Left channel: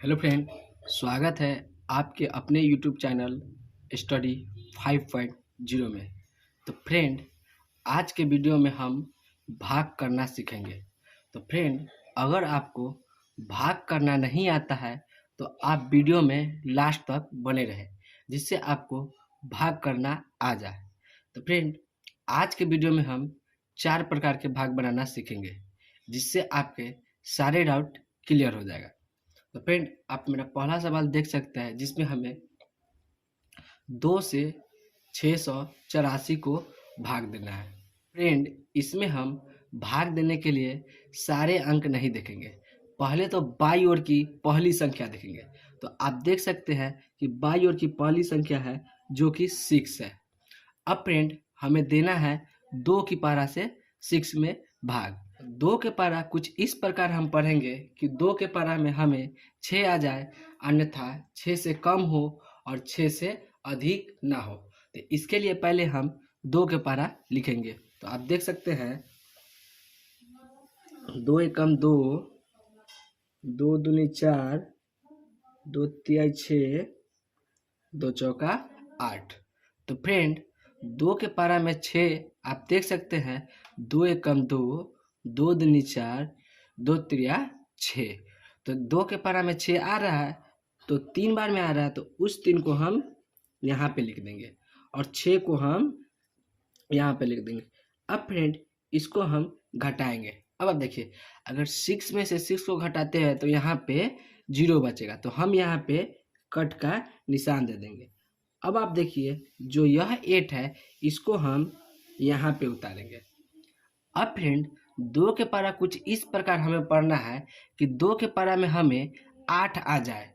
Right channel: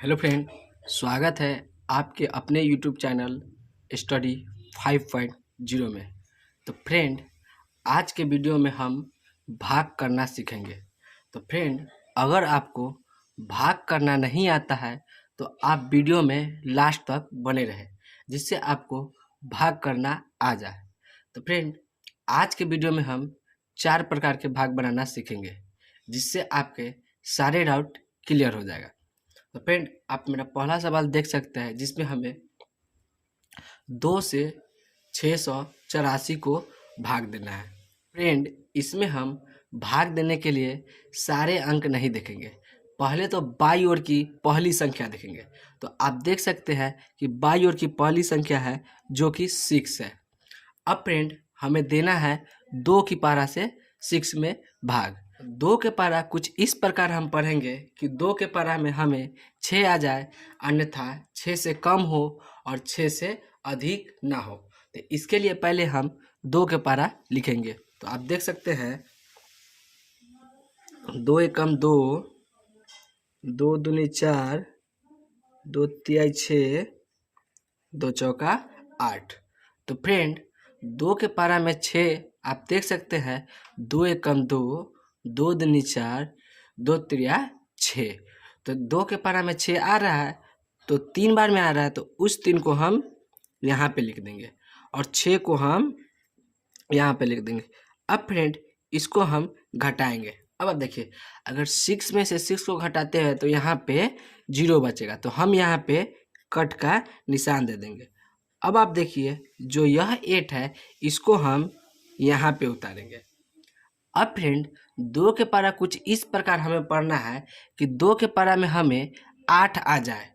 Hello friend, स्वागत है आपके अपने यूट्यूब चैनल स्टडी 5.0 में। तो फ्रेंड, आज के वीडियो में हम भाग करना सीखेंगे। तो फ्रेंड, अगर आपको भाग करना नहीं आता है तो आप वीडियो में लास्ट तक बने रहें, जिससे आपको भाग करना आ जाए। तो फ्रेंड, आज के वीडियो में हम 4 प्रकार के भाग बनाना सीखेंगे, जिससे आपके सारे डाउट क्लियर हो जाएगा। तो फ्रेंड, आप मेरा पहला सवाल देख सकते हैं, जिसमें हमें 2 से 684 को भाग देना है। फ्रेंड, इसमें हम भाग देने के लिए सारे अंक नहीं देखेंगे, पहले तो बाई ओर की पहली संख्या देखेंगे। तो आप देख सकते हैं कि बाई ओर की पहली संख्या है जो कि 6 है। अब फ्रेंड, हमें देना है 2 की पारा से 6 में भाग। 2 के पारा कुछ इस प्रकार हम पढ़ेंगे कि 2 के पारा में हमें 6 आ जाए, अन्यथा 6 से कम हो और 6 से अधिक ना हो। तो इसके लिए पहले हम 2 के पारा लिखेंगे। तो आप देख सकते हैं 2 एकम 2, 2 दूनी 4, 2 तिहाई 6, 2 चौका 8। तो फ्रेंड, 2 के पारा में 6 आप देख सकते हैं 2 एकम 2, 2 दूनी 4, 2 तिया 6। तो 2 के पारा में 6 आ रहा है, तो 3 बार में आ रहा है, तो उस 3 को हम यहाँ पे लिख देंगे और 6 को हम यहाँ पे लिख देंगे। अब फ्रेंड, इसको हम घटाएंगे। अब आप देखिए, अगर 6 में से 6 को घटाते हैं तो यहाँ पे 0 बचेगा, तो हम यहाँ पे कट का निशान दे देंगे। अब आप देखिए, जो यह 8 है, इसको हम यहाँ पे उतारेंगे। अब फ्रेंड, 2 के पारा कुछ इस प्रकार हमें पढ़ना है कि 2 के पारा में हमें 8 आ जाए,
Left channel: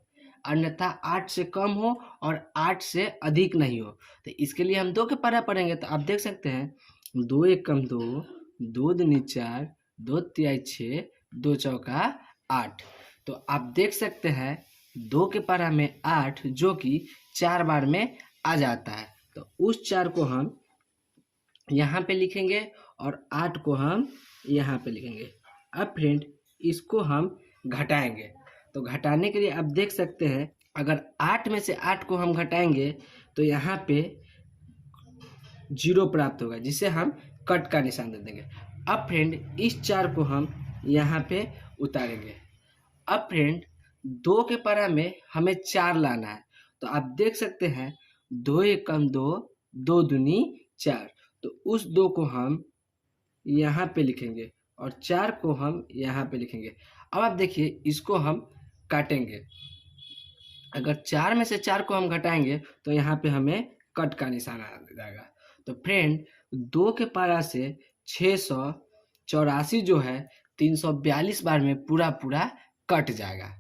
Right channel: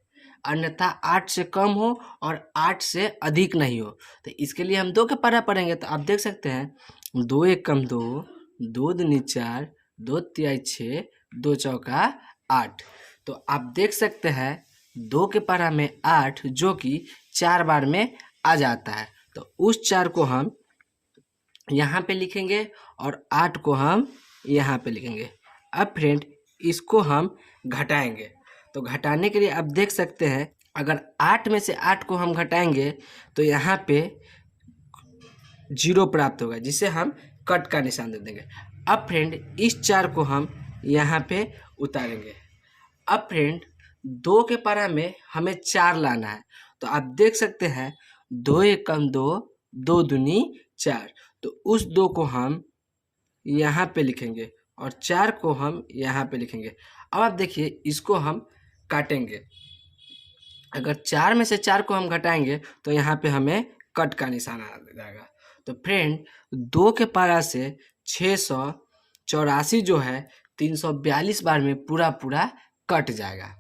अन्यथा 8 से कम हो और 8 से अधिक नहीं हो। तो इसके लिए हम 2 के पारा पढ़ेंगे। तो आप देख सकते हैं 2 एकम 2, 2 दूनी 4, 2 तिहाई 6, 2 चौका 8। तो आप देख सकते हैं 2 के पारा में 8 जो कि 4 बार में आ जाता है, तो उस 4 को हम यहाँ पे लिखेंगे और 8 को हम यहाँ पे लिखेंगे। अब फ्रेंड, इसको हम घटाएंगे। तो घटाने के लिए आप देख सकते हैं, अगर 8 में से 8 को हम घटाएंगे तो यहाँ पे 0 प्राप्त होगा, जिससे हम कट का निशान दे देंगे। अब फ्रेंड, इस 4 को हम यहाँ पे उतारेंगे। अब फ्रेंड, 2 के पारा में हमें 4 लाना है। तो आप देख सकते हैं 2 एकम 2, 2 दूनी 4। तो उस 2 को हम यहाँ पे लिखेंगे और 4 को हम यहाँ पे लिखेंगे। अब आप देखिए, इसको हम काटेंगे। अगर 4 में से 4 को हम घटाएंगे तो यहाँ पे हमें कट का निशान आ जाएगा। तो फ्रेंड, 2 के पारा से 684 जो है 342 बार में पूरा पूरा कट जाएगा।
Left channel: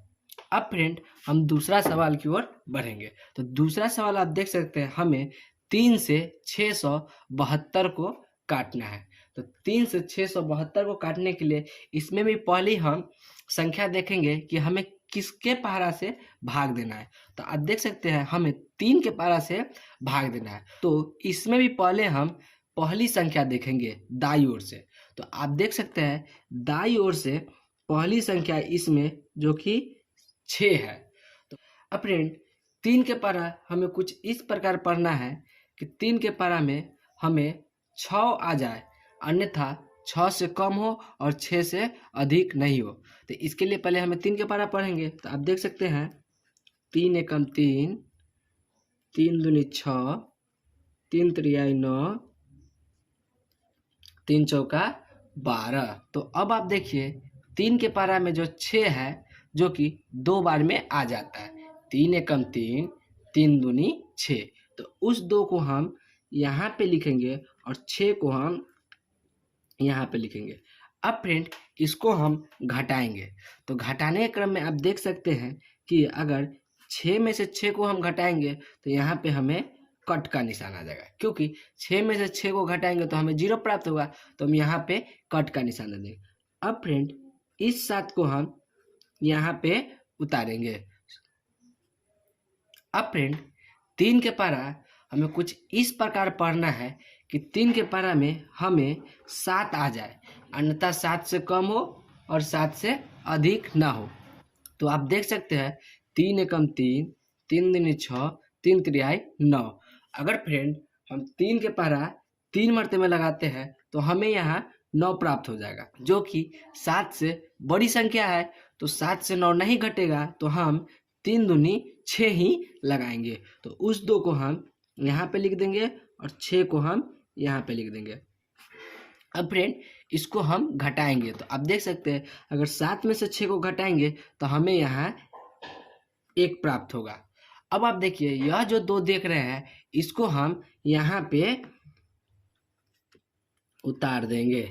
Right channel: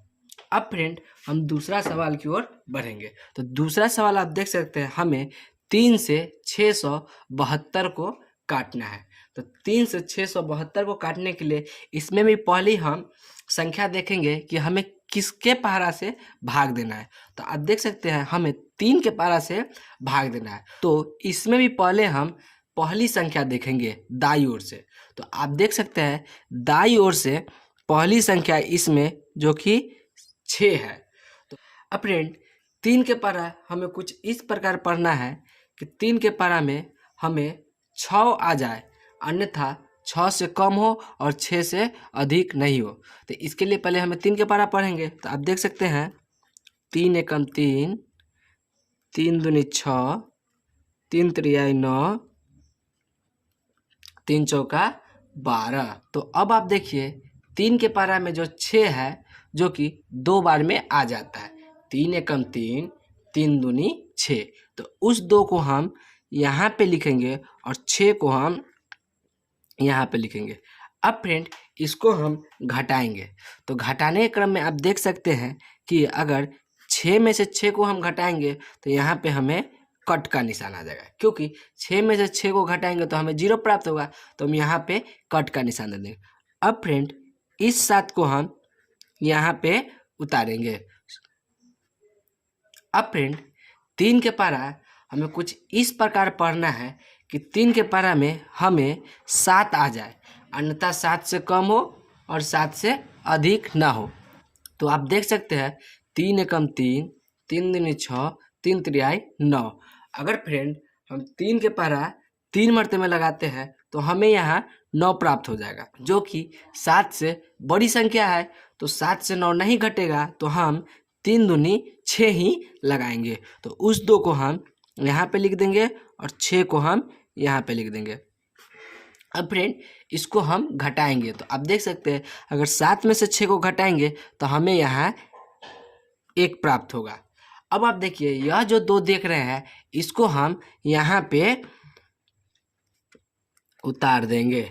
अब फ्रेंड, हम दूसरा सवाल की ओर बढ़ेंगे। तो दूसरा सवाल आप देख सकते हैं, हमें 3 से 672 को काटना है। तो 3 से 672 को काटने के लिए इसमें भी पहले हम संख्या देखेंगे कि हमें किसके पारा से भाग देना है। तो आप देख सकते हैं हमें 3 के पारा से भाग देना है। तो इसमें भी पहले हम पहली संख्या देखेंगे दाईं ओर से। तो आप देख सकते हैं दाईं ओर से पहली संख्या इसमें जो कि 6 है। तो अब फ्रेंड, 3 के पारा हमें कुछ इस प्रकार पढ़ना है कि 3 के पारा में हमें 6 आ जाए, अन्यथा 6 से कम हो और 6 से अधिक नहीं हो। तो इसके लिए पहले हमें 3 के पारा पढ़ेंगे। तो आप देख सकते हैं 3 एकम 3, 3 दूनी 6, 3 तिहाई 9, 3 चौका 12। तो अब आप देखिए 3 के पारा में जो 6 है, जो कि 2 बार में आ जाता है। 3 एकम 3, 3 दूनी 6। तो उस 2 को हम यहाँ पे लिखेंगे और 6 को हम यहाँ पे लिखेंगे। अब फ्रेंड, इसको हम घटाएंगे। तो घटाने के क्रम में आप देख सकते हैं कि अगर 6 में से 6 को हम घटाएंगे तो यहाँ पे हमें कट का निशान आ जाएगा, क्योंकि 6 में से 6 को घटाएंगे तो हमें 0 प्राप्त होगा। तो हम यहाँ पे कट का निशान दे देंगे। अब फ्रेंड, इस 7 को हम यहाँ पे उतारेंगे। अब फ्रेंड, 3 के पारा हमें कुछ इस प्रकार पढ़ना है कि 3 के पारा में हमें 7 आ जाए, अन्यथा 7 से कम हो और 7 से अधिक ना हो। तो आप देख सकते हैं 3 एकम 3, 3 दूनी 6, 3 तिहाई 9। अगर फ्रेंड हम 3 के पहरा 3 मरते में लगाते हैं तो हमें यहाँ 9 प्राप्त हो जाएगा, जो कि 7 से बड़ी संख्या है। तो 7 से 9 नहीं घटेगा, तो हम 3 दूनी 6 ही लगाएंगे। तो उस 2 को हम यहाँ पे लिख देंगे और 6 को हम यहाँ पे लिख देंगे। अब फ्रेंड इसको हम घटाएंगे, तो आप देख सकते हैं अगर 7 में से 6 को घटाएंगे तो हमें यहाँ 1 प्राप्त होगा। अब आप देखिए यह जो 2 देख रहे हैं इसको हम यहाँ पे उतार देंगे।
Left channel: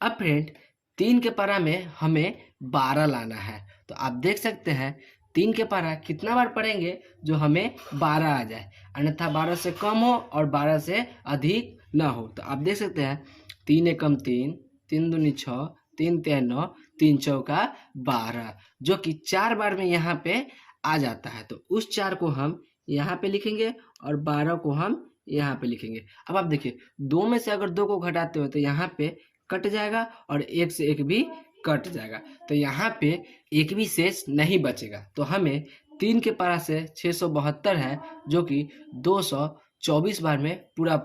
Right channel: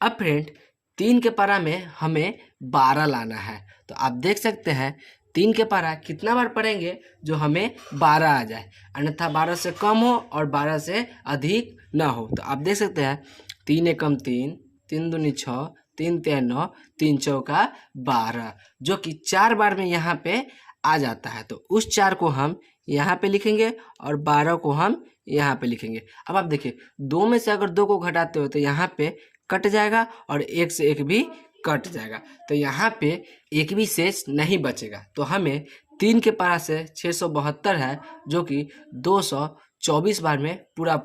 अब फ्रेंड 3 के पारा में हमें 12 लाना है। तो आप देख सकते हैं 3 के पारा कितना बार पढ़ेंगे जो हमें 12 आ जाए, अन्यथा 12 से कम हो और 12 से अधिक ना हो। तो आप देख सकते हैं 3 एकम 3, 3 दूनी 6, 3 तिहाई 9, 3 चौका 12, जो कि 4 बार में यहाँ पे आ जाता है। तो उस 4 को हम यहाँ पे लिखेंगे और 12 को हम यहाँ पे लिखेंगे। अब आप देखिए 2 में से अगर 2 को घटाते हो तो यहाँ पे कट जाएगा और 1 से 1 भी कट जाएगा, तो यहाँ पे एक भी शेष नहीं बचेगा। तो हमें 3 के पारा से 672 है, जो कि 224 बार में पूरा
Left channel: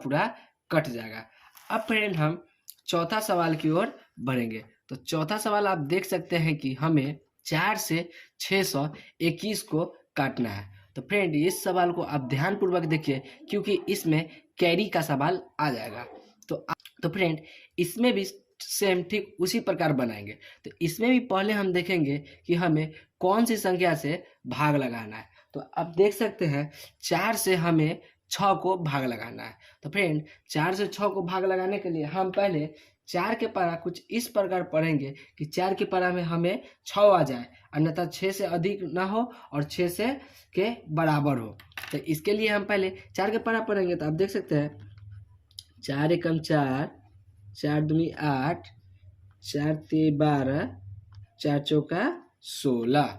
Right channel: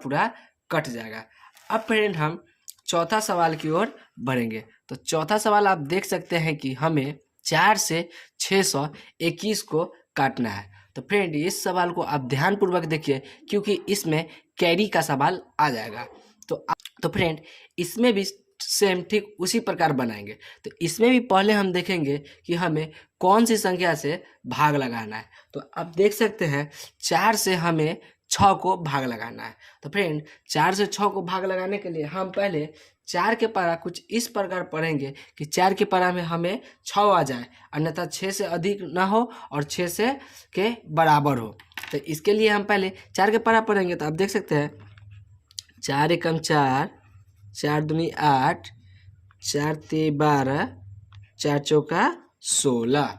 कट जाएगा। अब फ्रेंड हम चौथा सवाल की ओर बढ़ेंगे। तो चौथा सवाल आप देख सकते हैं कि हमें 4 से 621 को काटना है। तो फ्रेंड इस सवाल को आप ध्यानपूर्वक देखिए, क्योंकि इसमें कैरी का सवाल आ जाएगा। तो फ्रेंड इसमें भी सेम ठीक उसी प्रकार बनाएंगे। तो इसमें भी पहले हम देखेंगे कि हमें कौन सी संख्या से भाग लगाना है। तो आप देख सकते हैं 4 से हमें 6 को भाग लगाना है। तो फ्रेंड 4 से 6 को भाग लगाने के लिए हम पहले 4 के पारा कुछ इस प्रकार पढ़ेंगे कि 4 के पारा में हमें 6 आ जाए, अन्यथा 6 से अधिक ना हो और 6 से के बराबर हो। तो इसके लिए हम पहले 4 के पारा पढ़ेंगे। तो आप देख सकते हैं 4 एकम 4, 4 दूनी 8, 4 तिहाई 12, 4 चौका 16।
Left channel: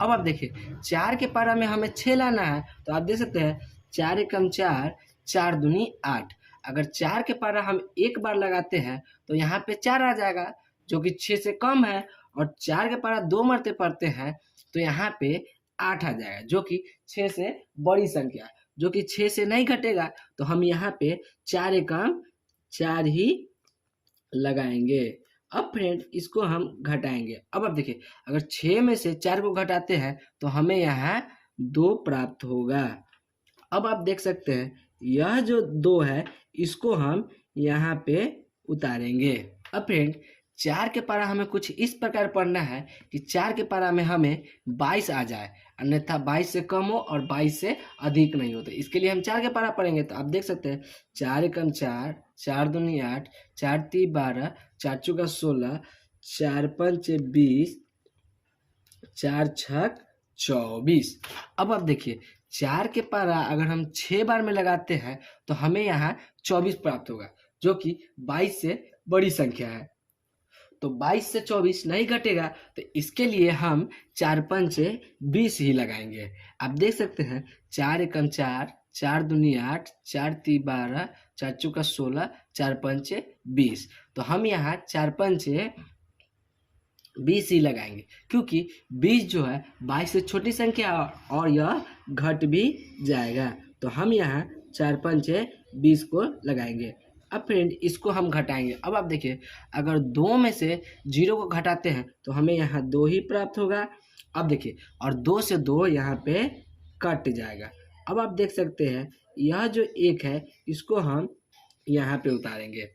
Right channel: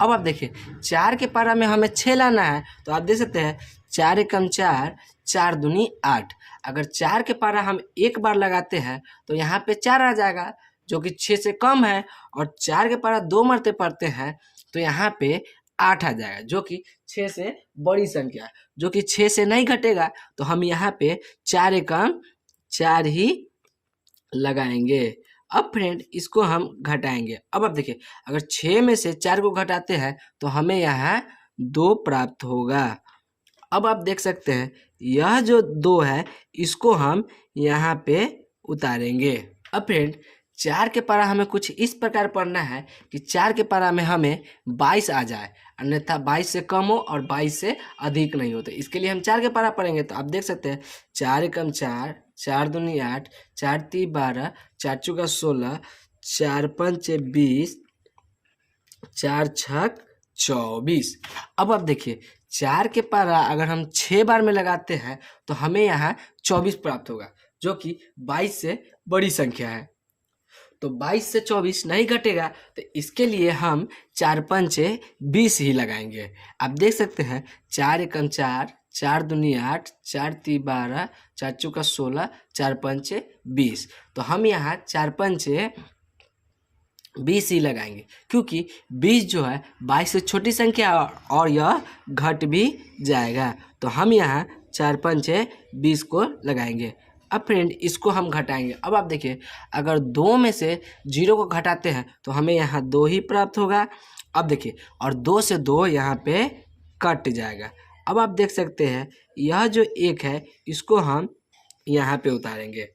अब आप देखिए 4 के पारा में हमें 6 लाना है। तो आप देख सकते हैं 4 एकम 4, 4 दूनी 8। अगर 4 के पारा हम एक बार लगाते हैं तो यहाँ पे 4 आ जाएगा, जो कि 6 से कम है, और 4 के पारा 2 मरते पढ़ते हैं तो यहाँ पे 8 आ जाएगा, जो कि 6 से बड़ी संख्या, जो कि 6 से नहीं घटेगा। तो हम यहाँ पे 4 एकम 4 ही लगाएंगे। अब फ्रेंड इसको हम घटाएंगे। अब आप देखिए अगर 6 में से 4 को घटाते हैं तो हमें यहाँ 2 प्राप्त होगा। अब आप देख सकते हैं यह जो 2 है इसको हम यहाँ पे उतारेंगे। अब फ्रेंड 4 के पारा हमें कुछ इस प्रकार पढ़ना है कि 4 के पारा में हमें 22 आ जाए, अन्यथा 22 से कम हो और 22 से अधिक नहीं हो। तो इसके लिए हम 4 के पारा पढ़ेंगे। तो आप देख सकते हैं 4 एकम 4, 4 दूनी 8, 4 तिहाई 12, 4 चौका 16, 4 पंचे 20, 4 छक 24। अब आप देखिए 4 के पारा अगर हम 6 बार में लगाते हैं तो हमें यहाँ 24 प्राप्त होगा, जो कि 22 से बड़ी संख्या है। तो 22 से 24 नहीं घटेगा, तो इसके लिए हम 4 पंचे 20 ही लगाएंगे। आप देख सकते हैं 4 एकम 4, 4 दूनी 8, 4 तिहाई 12, 4 चौका 16, 4 पंचे 20। तो हम यहाँ 4 पंचे 20 ही लगाएंगे, क्योंकि 20 जो है 22 से छोटी संख्या और यह घट भी जाएगा। तो हम यहाँ 4 पंचे 20 को लगाएंगे। अब फ्रेंड इसको हम घटाएंगे। अब आप देखिए अगर 2 में से 0 को घटाते हैं तो हमें यहाँ 2 ही प्राप्त होगा। अब देखिए और 2 से 2 यहाँ पे कट जाएगा। अब आप देख सकते हैं यह जो 1 है इसको हम यहाँ पे उतारेंगे।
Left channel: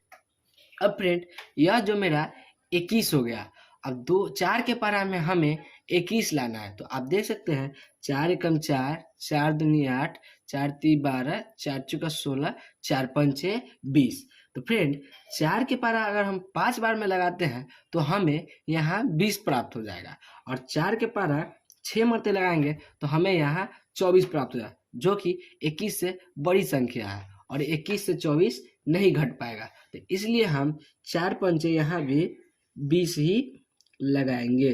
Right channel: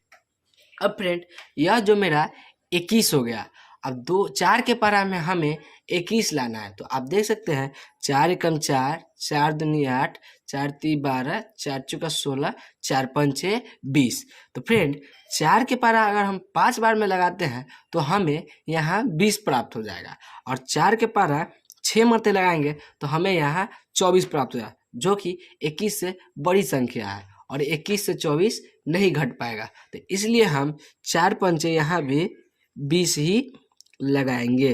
अब फ्रेंड यह जो मेरा 21 हो गया। अब 4 के पारा में हमें 21 लाना है। तो आप देख सकते हैं 4 एकम 4, 4 दूनी 8, 4 तिहाई 12, 4 चौका 16, 4 पंचे 20। तो फ्रेंड 4 के पारा अगर हम 5 बार में लगाते हैं तो हमें यहाँ 20 प्राप्त हो जाएगा, और 4 के पारा 6 मरते लगाएंगे तो हमें यहाँ 24 प्राप्त हो जाएगा, जो कि 21 से बड़ी संख्या है, और 21 से 24 नहीं घट पाएगा। तो इसलिए हम 4 पंचे यहाँ भी 20 ही लगाएंगे।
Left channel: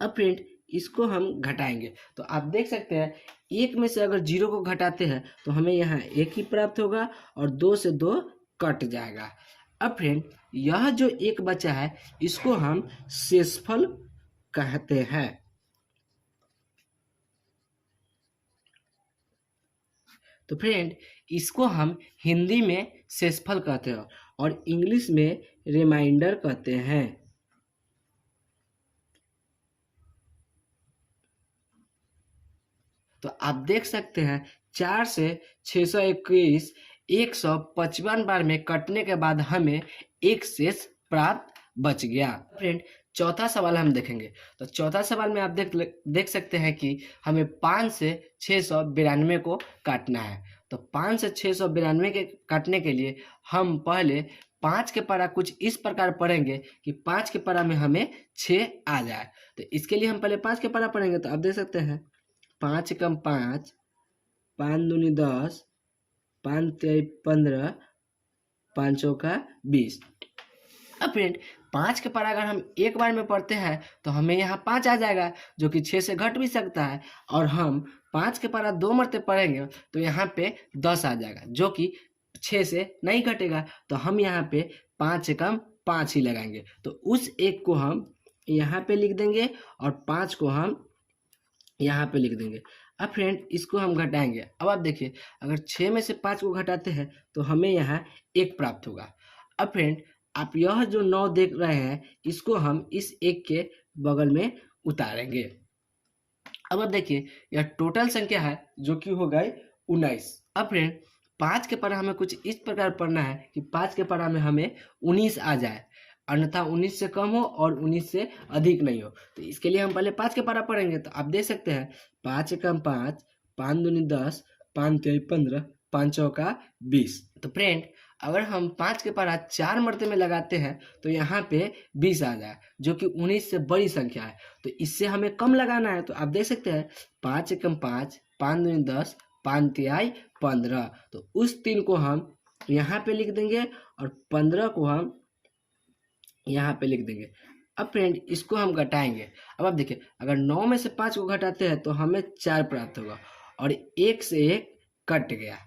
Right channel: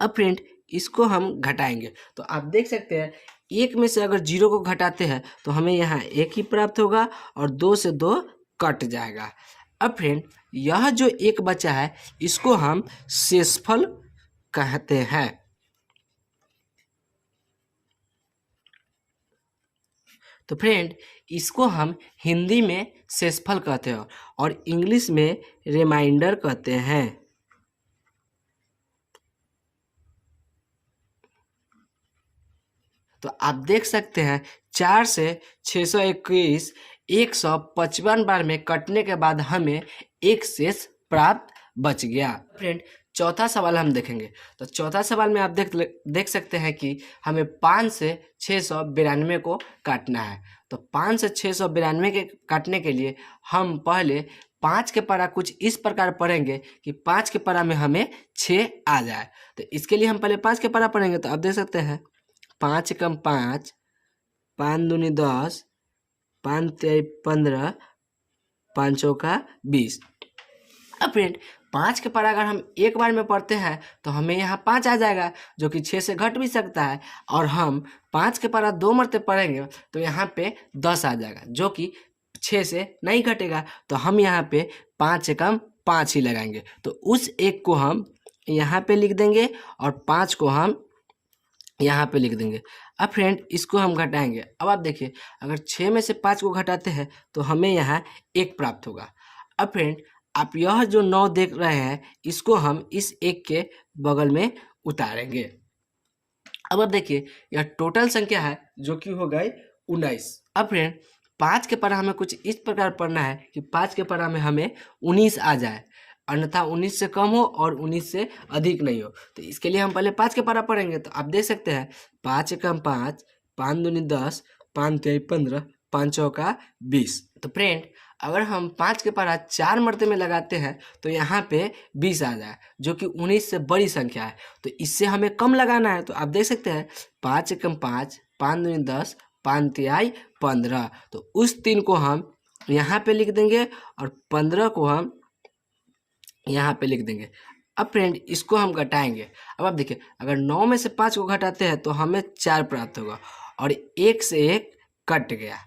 अब फ्रेंड इसको हम घटाएंगे। तो आप देख सकते हैं 1 में से अगर 0 को घटाते हैं तो हमें यहाँ 1 ही प्राप्त होगा, और 2 से 2 कट जाएगा। अब फ्रेंड यह जो 1 बचा है इसको हम शेषफल कहते हैं। तो फ्रेंड, इसको हम हिंदी में शेषफल कहते हैं और इंग्लिश में रिमाइंडर कहते हैं। तो आप देख सकते हैं 4 से 621 155 बार में कटने के बाद हमें एक शेष प्राप्त बच गया। फ्रेंड, चौथा सवाल हम देखेंगे। तो चौथा सवाल में आप देख सकते हैं कि हमें 5 से 692 को काटना है। तो 5 से 692 के काटने के लिए हम पहले 5 के परा कुछ इस प्रकार पढ़ेंगे कि 5 के परा में हमें 6 आ जाए। तो इसके लिए हम पहले 5 के परा पढ़ेंगे। तो आप देख सकते हैं 5 एकम 5, 5 दूनी 10, 5 तिहाई 15, 5 चौका 20। अब फ्रेंड, 5 के पर अगर हम एक बार में पढ़ते हैं तो हमें यहाँ 5 आ जाएगा, जो कि 6 से घट भी सकता है। और हम 5 के पर 2 मरते पढ़ेंगे तो यहाँ पे 10 आ जाएगा, जो कि 6 से नहीं घटेगा। तो हम यहाँ पे 5 एकम 5 ही लगाएंगे। तो उस एक को हम यहाँ पे लिख देंगे और 5 को हम यहाँ पे लिख देंगे। अब फ्रेंड, इसको हम घटाएंगे। अब आप देखिए, अगर 6 में से 5 को घटाते हैं तो हमें यहाँ 1 प्राप्त होगा। अब फ्रेंड, आप यह जो 9 देख रहे हैं, इसको हम इस 1 के बगल में उतारेंगे। अब आप देखिए, यह टोटल संख्या है जो कि हो गई 19। अब फ्रेंड, 5 के परा हमें कुछ इस प्रकार पढ़ना है कि 5 के परा में हमें 19 आ जाए, अन्यथा 19 से कम हो और 19 से अधिक नहीं हो। तो इसके लिए हम पहले 5 के परा पढ़ेंगे। तो आप देख सकते हैं 5 एकम 5, 5 दूनी 10, 5 तिहाई 15, 5 चौका 20। तो फ्रेंड, अगर हम 5 के परा 4 मरते में लगाते हैं तो यहाँ पे 20 आ जाए, जो कि 19 से बड़ी संख्या है। तो इससे हमें कम लगाना है। तो आप देख सकते हैं 5 एकम 5, 5 दूनी 10, 5 तिहाई 15। तो उस 3 को हम यहाँ पे लिख देंगे और 15 को हम यहाँ पे लिख देंगे। अब फ्रेंड, इसको हम घटाएंगे। अब आप देखिए, अगर 9 में से 5 को घटाते हैं तो हमें 4 प्राप्त होगा और 1 से 1 कट गया।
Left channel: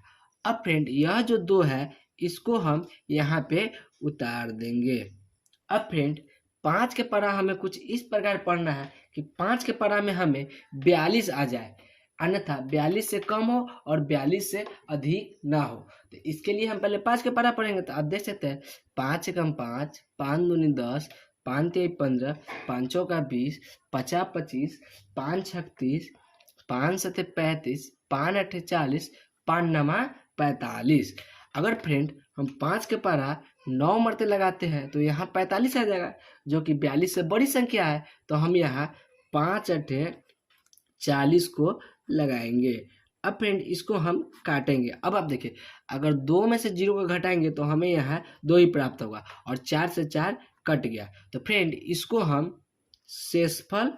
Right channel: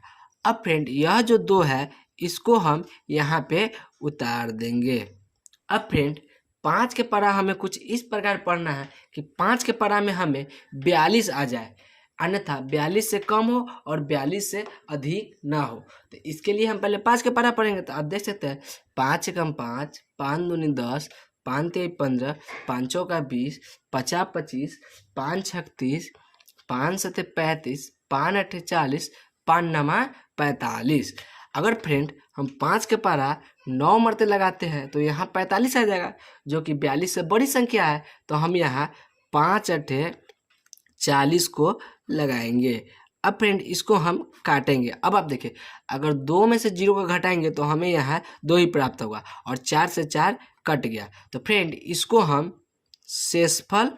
अब फ्रेंड, यह जो 2 है इसको हम यहाँ पे उतार देंगे। अब फ्रेंड, 5 के परा हमें कुछ इस प्रकार पढ़ना है कि 5 के परा में हमें 42 आ जाए, अन्यथा 42 से कम हो और 42 से अधिक ना हो। तो इसके लिए हम पहले 5 के परा पढ़ेंगे। तो आप देख सकते हैं 5 एकम 5, 5 दूनी 10, 5 तिहाई 15, 5 चौका 20, 50 25, 5 छक 30, 5 सते 35, 5 अठे 40, 5 नमा 45। अगर फ्रेंड हम 5 के परा 9 मरते लगाते हैं तो यहाँ 45 आ जाएगा, जो कि 42 से बड़ी संख्या है। तो हम यहाँ 5 अठे 40 को लगाएंगे। अब फ्रेंड, इसको हम काटेंगे। अब आप देखिए, अगर 2 में से 0 को घटाएंगे तो हमें यहाँ 2 ही प्राप्त होगा और 4 से 4 कट गया। तो फ्रेंड, इसको हम शेषफल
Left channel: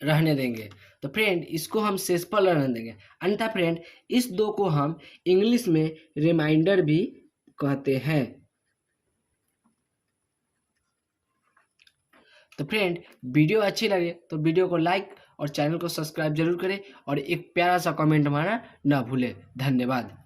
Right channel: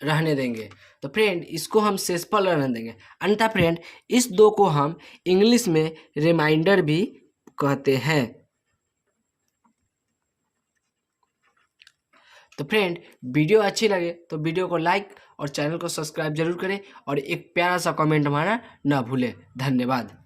रहने देंगे। तो फ्रेंड, इसको हम शेषफल रहने देंगे, अन्यथा फ्रेंड इस 2 को हम इंग्लिश में रिमाइंडर भी कहते हैं। तो फ्रेंड, वीडियो अच्छी लगे तो वीडियो को लाइक और चैनल को सब्सक्राइब जरूर करें और एक प्यारा सा कमेंट हमारा ना भूलें। धन्यवाद।